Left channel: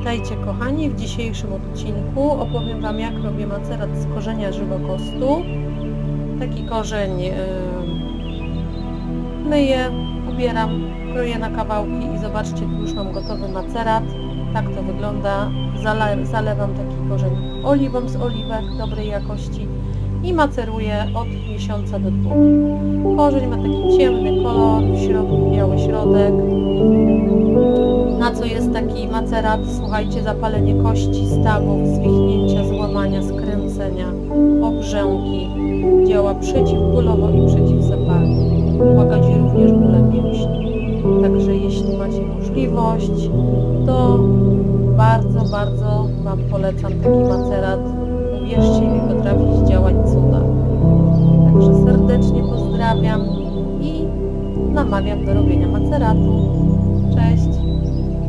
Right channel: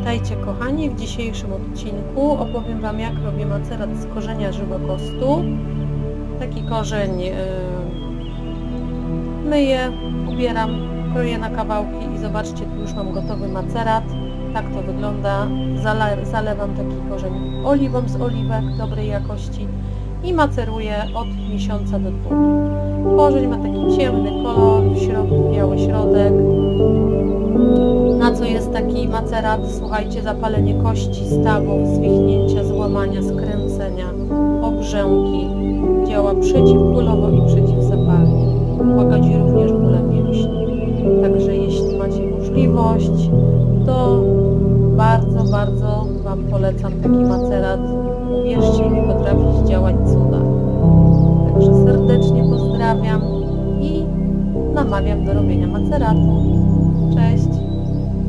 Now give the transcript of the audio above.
Witajcie kochani, w dzisiejszym odcinku opowiem Wam jak robię macerat z korzenia żywokostu. Taki korzeń yy, myję, ubieram, kroję na kawałki i zobaczcie, tu już mam gotowy macerat. Tak to wygląda. Zale, zalewam taki korzeń oliwą z oliwek dobrej jakości i maceruję od miesiąca do dwóch. Korzeń ma taki ciemny kolor, w środku biały środek, co jest taki macerat? Słuchajcie, zapalenie kości, stawów, zwichnięcia, złamania, skręcenia, obrzęki. Działa przeciwbólowo i przeciwzapalnie. Łagodzi również bóle mięśni. Także jeśli macie możliwość, to bardzo, bardzo Wam polecam taki macerat. Uwierzcie mi, potrafi działać cuda. Także serdecznie pozdrawiam i namawiam do robienia maceratu. Cześć!